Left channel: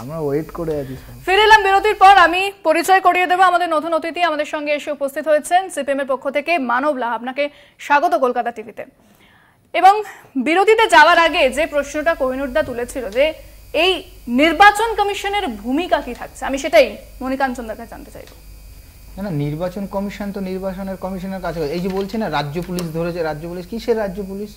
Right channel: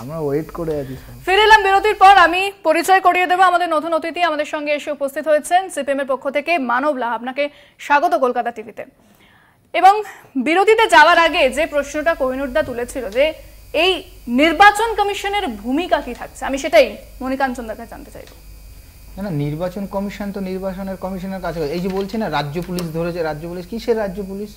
আমরা ওয়েট করে আছি। ফিরে এলাম বিরতির পর। আমি পরিচয় করিয়ে দেবো আমাদের নতুন অতিথি আমাদের সঙ্গে এসে উপস্থিত হয়েছেন সিপিএম এর পক্ষ থেকে মানব লাহা। আপনাকে স্বাগত কলকাতা টিভিতে। এবং বিরতিতে যাওয়ার আগে যে প্রশ্নটা কোহিনুরদা তুলেছিল যে এই নির্বাচন কমিশনের ভূমিকা কি থাকছে, আমি সেটাই মনিকাঞ্চন দাকে জানতে চাইব। না, নির্বাচন কমিশন তো নির্বাচনের কমিশনের কাছে, এই যে বলছি না রাজ্য পুলিশ ধরেছে, রাজ্য পুলিশ কিসের রাজ্য পুলিশ?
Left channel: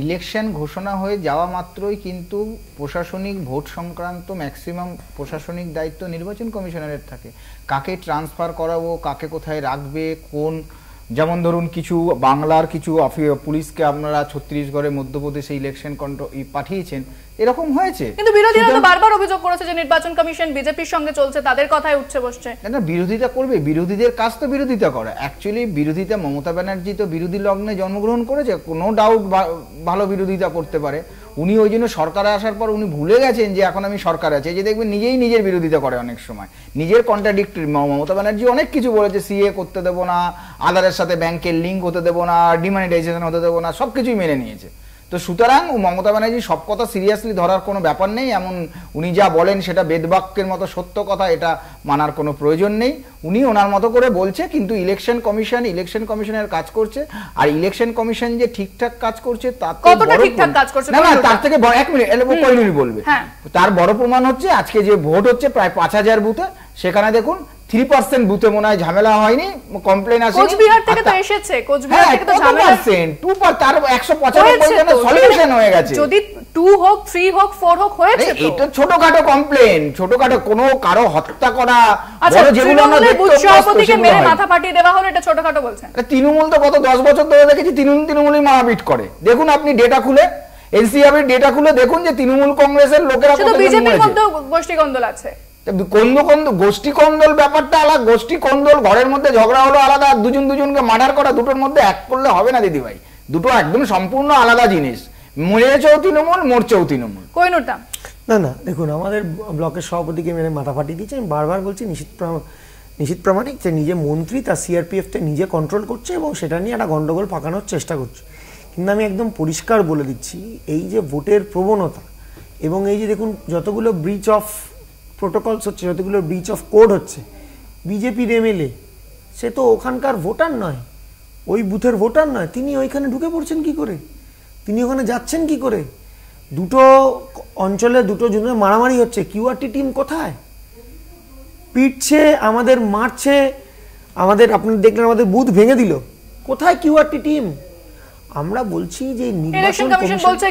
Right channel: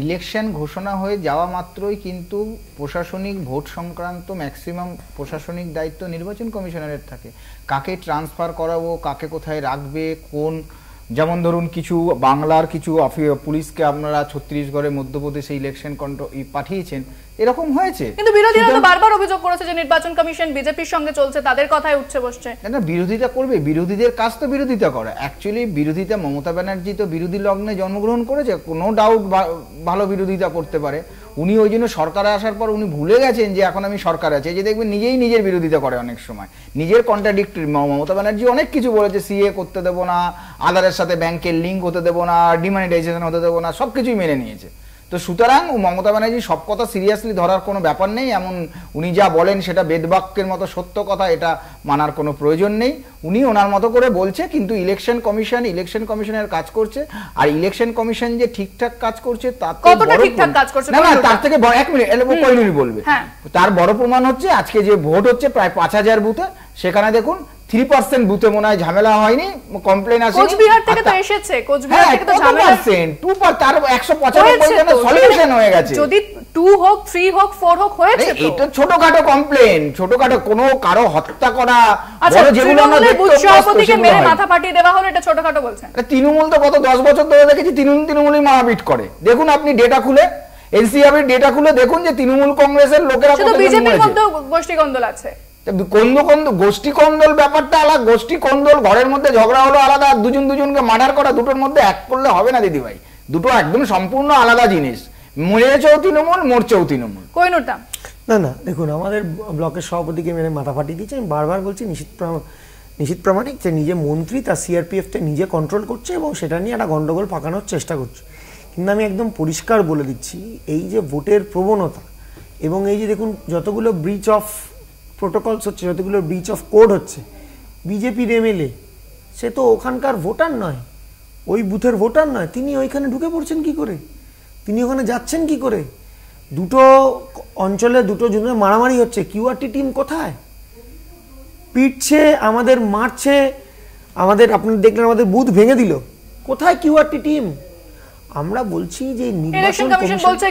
ইলেকশন ঘোষণা হয়ে যাওয়া মাত্রই কিন্তু প্রশাসনিক ভোট সংক্রান্ত ম্যাক্সিমাম প্রশাসনিক দায়িত্ব নির্বাচন কমিশনারের থাকে। কাকে ট্রান্সফার করাবো, কাকে কোথায় রাখবে, কোন, যেমন ধরুন কিছু বাংলার কিছু পুলিশকে আপনারা ছত্তিশগড়ে মধ্যপ্রদেশে ইলেকশন পাঠিয়েছেন, এরকম হয়েছে। কিন্তু বিরোধীরা তো বারবার অভিযোগ করেছে যে নির্বাচন কমিশন বিজেপির সঙ্গে চলছে, তাদের কথায় উঠছে বসছে। না, বিরোধিতা করবে, বিরোধীদের কাজ তো বিরোধিতা করা। অ্যাকচুয়ালি বিরোধিতা, মমতা ব্যানার্জি তো বিরোধী লগ্নে জন্মগ্রহণ করেছে, কোনো ডাউট ভালো বিরোধিতা করতে পারে। উনি ওই জন্য সরকারে আসার পর উনি ভুলে গেছেন যে এখন আমি সরকার আছে, যে দেখবেন নিজেই নিজের বিরোধিতা করে অনেক সময়, নিজের কন্ট্রাডিক্টরি। মমতা ব্যানার্জি অনেক কিছু বলেছে, সিএ করতে দেবো না, আধারের সাথে ব্যাংকের লিঙ্ক হতে দেবো না, ডিমনিটাইজেশন হতে দেবো না, সবকিছুই মেনে নিয়েছে। তো সুতরাং মমতা ব্যানার্জি সব কথা সিরিয়াসলি ধরার কোনো ব্যাপার নেই। এমন উনি যা বলেন সেটা বেদবাক্যের মতো সত্য কথা, এটা মানার কোনো প্রয়োজন নেই। উনি ওনার মতো করে বলছে, কিন্তু ইলেকশন কমিশনের কাজ করছে। আর ইলেকশন কমিশন যে ঠিকঠাক কাজ করছে তার থেকে 1 মিনিট বলবে, তার বড় প্রমাণ হচ্ছে আজকে যে ভোট হচ্ছে প্রায় 5000 বুথে, সেখানে দেখুন 3% বুথে মনে হয় ঝামেলা হয়নি, কমপ্লেন আসেনি। কোচবিহার থেকে তো এসেছে, কোচবিহার থেকে তো ঝামেলা আছে, 2 তার 195 সলিউশন হয়ে গেছে। যদি 2 হোক 3 হোক 4 হোক হয়েছে, এটা ছোটখাটো কমপ্লেন, ছোটখাটো কোনো কারো হত্যা করা, বড় যেগুলো আমরা দেখতে সভাপতিকে মেরে মাথা ফাটিয়ে দেওয়া হলো, এটা ছোটখাটো বলছেন? তৃণমূল তো গত 10 বছর ধরে দেখেছি তৃণমূলই মারপিট করে। দেখুন আপনি ডেটা খুলে, এনসিআর ডেটা খুলে দেখুন যে তৃণমূল কংগ্রেসের লোকেরা কত বিজেপির মধ্যে গোষ্ঠী কন্দল আছে। গোষ্ঠী কন্দল ব্যাপারটা আলাদা, গোষ্ঠী কন্দল ঘরের মধ্যে ঝগড়া হলো আলাদা, দুজনকে মার্ডার করা, দুটোর মধ্যে এক করলে হবে না দিদি ভাই, দুটো একদম সম্পূর্ণ আলাদা জিনিস। মরেছেও তৃণমূল, মরছেও তৃণমূল। না দেখুন, আমাদের ব্লকের সভাপতিকে মেরে মাথা ফাটিয়ে দিয়েছে। আমি বারবার বলছি নিশীথ প্রামাণিক যে নিজে মন্ত্রী, তার সিআরপিএফ কে নিজে কন্ট্রোল করছে এবং সেটা নিয়ে একটা গন্ডগোল পাকানোর চেষ্টা করছে। কিন্তু আমি একদম পরিষ্কার বলে দিচ্ছি, এই যে ভোটের প্রবণতা এবং এই যে দেখুন যতগুলো ব্রিচ অফ প্রোটোকলস হচ্ছে, যতগুলো ব্রিচ অফ কোড হচ্ছে, বিজেপির এমএলএ সে তো ওখানকার ভোটার নয়, ওই বুথের ভোটার নয়, তিনি ওইখানে ঢুকে পড়ছেন কি করে, তিনি ওখানে যাচ্ছেন কি করে? দুটো অঞ্চলে দুটো জনের মারামারি হচ্ছে, কিউআরটি টিম কোথায়? পিটছে আমাদের, মারছে আমাদের, আপনি দেখলেন আমাদের বুথ ভেঙে দিল, কোথায় কিউআরটি টিম? আমরা বলছি যে নির্বাচন কমিশন বলছে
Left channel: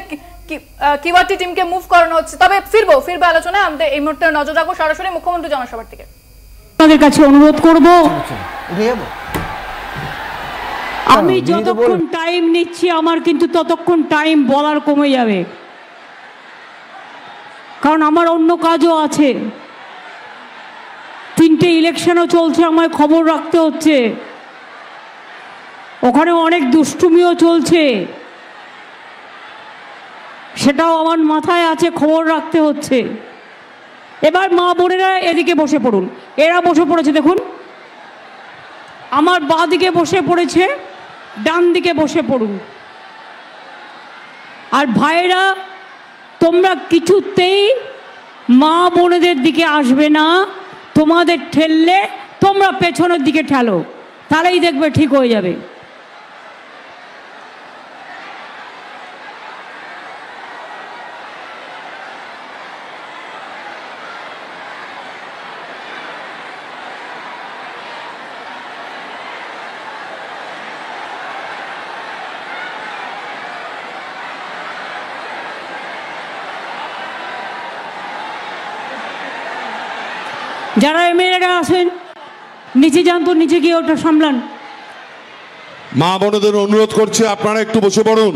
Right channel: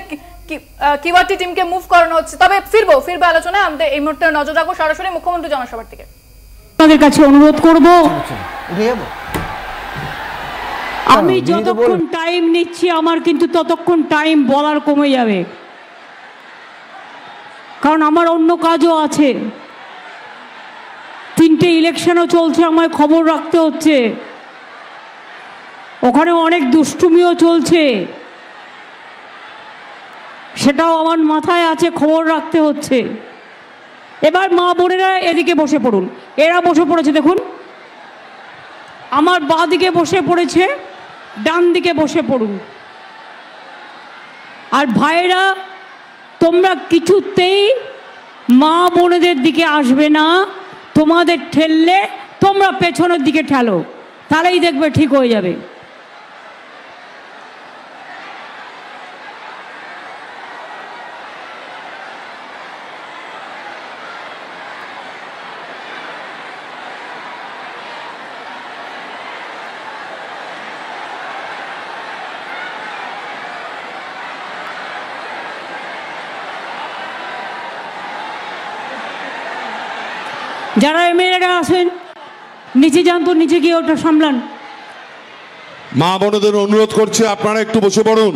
কিউআরটি টিমকে মুভ করানো হচ্ছে। তবে ফিরবো আলোচনায়। আমাদের এই মুহূর্তে নজর রাখবো সরাসরি মুখ্যমন্ত্রী জনসভার দিকে। আপনাদের কাছে অনুরোধ করব, আমি যতক্ষণ টাইম নিচ্ছি আমার কিন্তু ততক্ষণ টাইম বলার কমে যাবে, কারণ আমার অন্য কাজও আছে। 3টে ইলেকশনও চলছে, আমার খবর রাখতে হচ্ছে, ওখানে অনেক দুষ্টুমিও চলছে, সেটাও আমার মাথায় আছে, খবর রাখতে হচ্ছে। এবার মা বোনেরা এদিকে বসে পড়ুন, এরা বসে পড়েছে দেখুন, আমার বাঁ দিকে বসে পড়েছে, ডান দিকে বসে পড়ুন। আর ভাইরা তোমরা কিছুতেই মা বোনেদের দিকে আসবে না, তোমাদের ঠেললে তোমরা পেছনের দিকে ঠেলো, তাহলেই দেখবে ঠিক হয়ে যাবে। যারা এমএলএরা আসেন নিচে যান, তো নিচে গিয়ে ওটা সামলান। মা বোনদের অনুরোধ করছে আপনারা একটু বসে পড়ুন।